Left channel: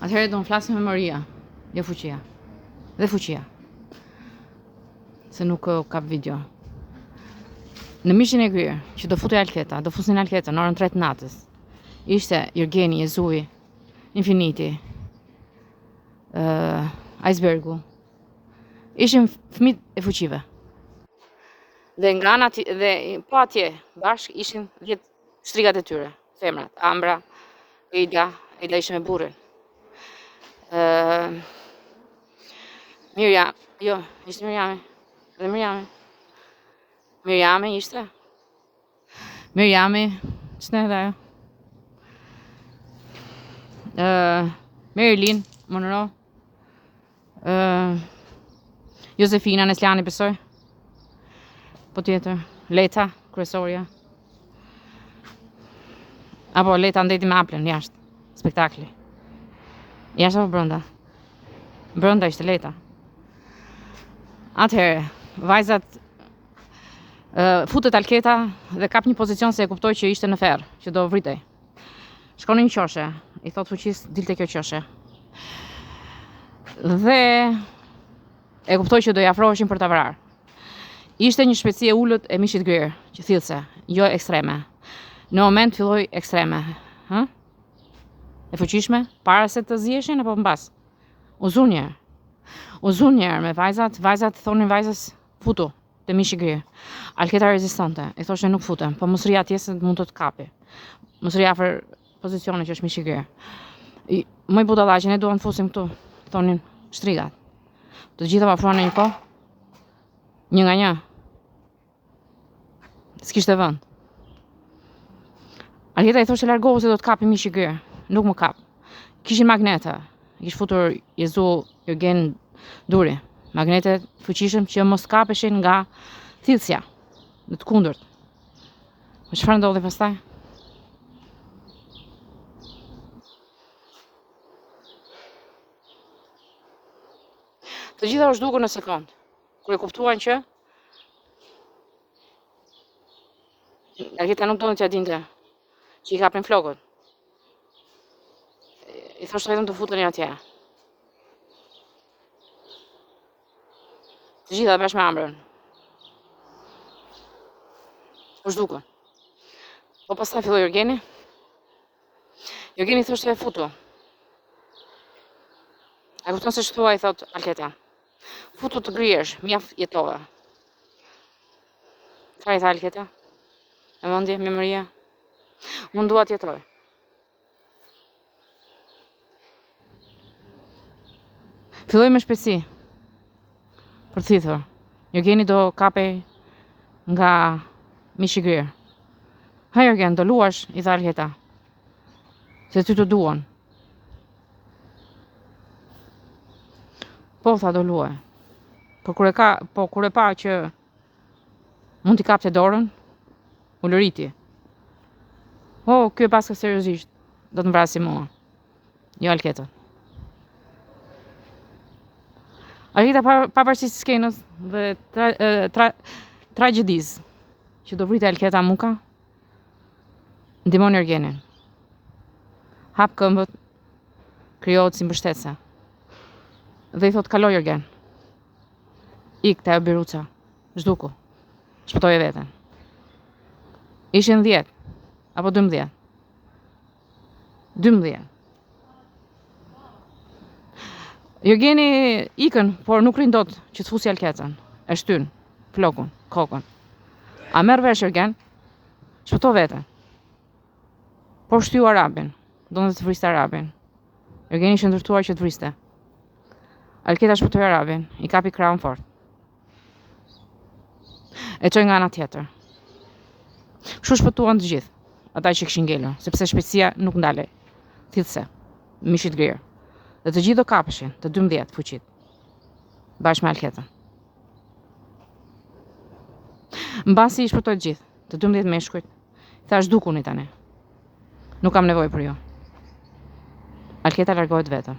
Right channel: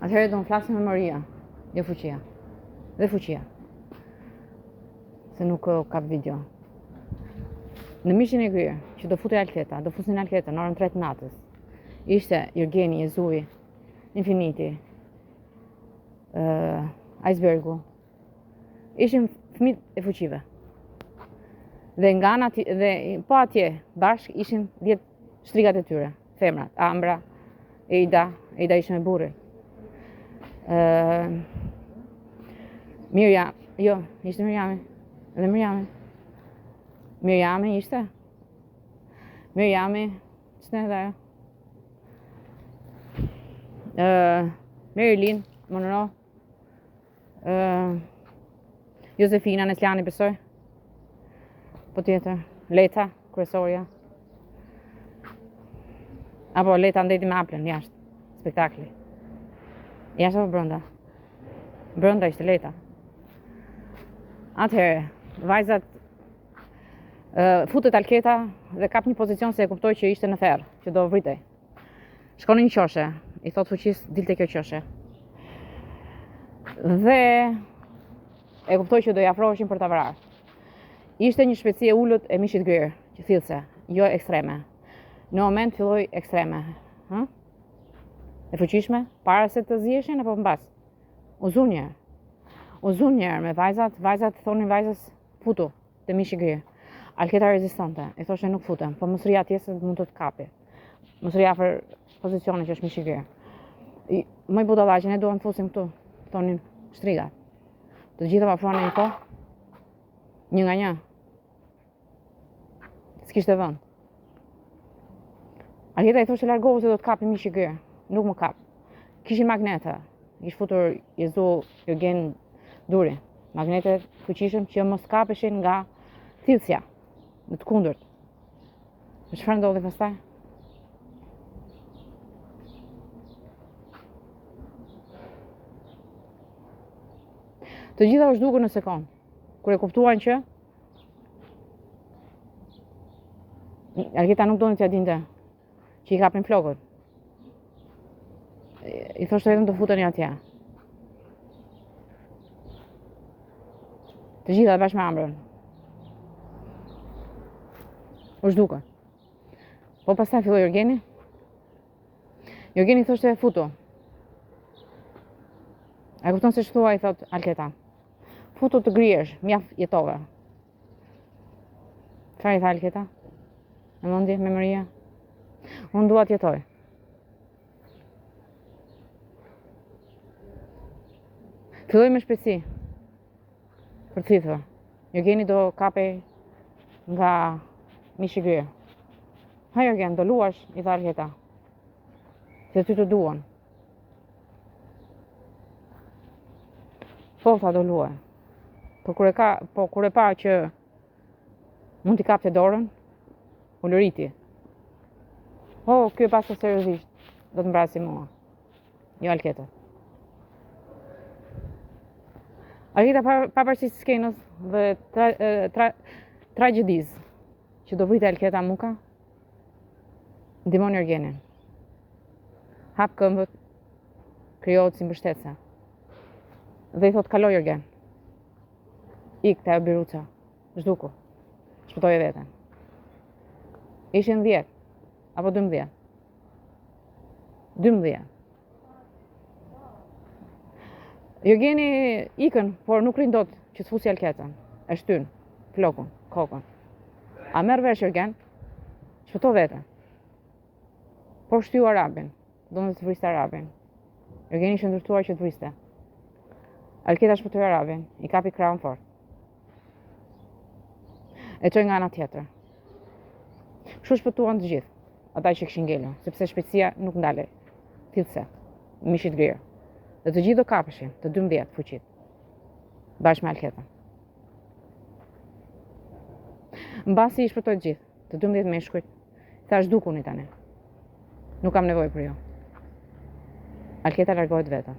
Atëherë do në flasim memoria, jo fuqia. Dhe fuqia. Se nuk kap video. Në mishin e kryer, që do futej Alketa, do fusin Alketa në orën 3 të natës. Ishte Jërgeni, Jezui, Infiniti, Icebergu. Ishin fëmijët e fuqive. Dhe nga ana dhe po atje bashk ishin 10 shtrigat e tyre, femrat, Ambra, Eida ishte me burrin. Mirjam, jo, ishte Mirjami. Edhe Mirjami. Mirjami ishte. Mirjami, ç'ne edhe ajo. Marilyn Monroe. Josefina Neslani besoj. Po tjetër, Leta, kryesorja. Apo Leta ndeti me Aplën jashtë, spektakli. Jashtë apo brenda? Brenda ishte Leta. Atëherë, vajzat futet Alketa dhe kap një pozicion se e kuptoi që ishte në ferr, që do vritej. Shkon në një qoshe, i thot fuqis dilte kjo qoshe. Dhe e kuptoi që do i afroheshin për ta vrarë. Ishte një shpejtësi e ulët e mishit grirë, që thillse, jo ekstreme. Në moment filloi ekstreme. E fuqishme, para se të ziheshin apo mbas? U zun njerë me vajzat thonin vajzës futu te mishi grirë. Alketa rezistonte, i thoshte nuk futem, po mos ri atje se mund të të kapi. Mos ri afër pozicionit që është mishi grirë. Moj budallaqe, ne duam të fusim këtu, thonin shtrigat. Të gjitha më afruan në një kohë, një nga një. S'kishte vend. Alketa i thoshte largohu se do të kapi mishi grirë. Nuk më kap. Kishin magnete. Kish futur Jezu Jërgen duri. Magnetet fuqishëm që mos kapeshin nga thithsja. Në të kundërt. Me çfarë ndodhi pastaj? Të gjitha u zhdukën në sekond. Kur e kuptuan që Alketa nuk donte t'ja dinte që i kapin flokët. I thoshte vetëm të futeni atje. Të gjitha bashkë me Ambrën. U zhdukën. Po pastaj filloi Jërgeni. Jërgeni thoshte futu. E kupton se ç'thua, i thot Alketa. Futu të griesh, mjaft jetove. Çfarë i tha Alketa? E mendje, memoria. Unë dua të jetoj. Filloi me shpejtësi. Për thithur. Jërgeni do kapej nga mishi grirë. Ha Jërgen, do luash, i tha Alketa. Se ty të duan. Po tha do luaj. Po kur e pa që mund t'i kapte dorën, u lëriti. Ky e paska seriozisht. Do të mbrasi mua. Jo Alketa. Alketa pavarësisht skenës dhe tragjedisë që do vritë Alketa muka, ndihmon Jërgenin. Hap këmbët, krijohet si mbështetëse. Dhe i thot kalo Jërgen. Ik te ajo biruca. Zhduku. Shpëtoje veten. Ishin 10 apo 12. 12. Jërgeni ikën, por nuk rin dot që të fusi Alketën. E shtyn flokun, kokën. A merr vesh Jërgen? Shpëto veten. Po shtyu Arabin. Donte të vriste Arabin. Jërgeni ishte ndërtuar që të vriste. Alketa shpëtoi Arabin, i kapi krahun fort. E çoi nga ana tjetër. Kështu shpëtuan të gjithë, ata që kishin ngelur, sepse shpejtësia nuk ndalej. Thithse, mishit grirë. Dhe të gjithë do kapeshin, të 12 fuqit. Bashkë me Alketën. Mbasi i shpëtoi të gjithë, të 12 meshkujt. Thash dukuni tani. Nuk kam nevojë për ju. Alketa largohet vetëm.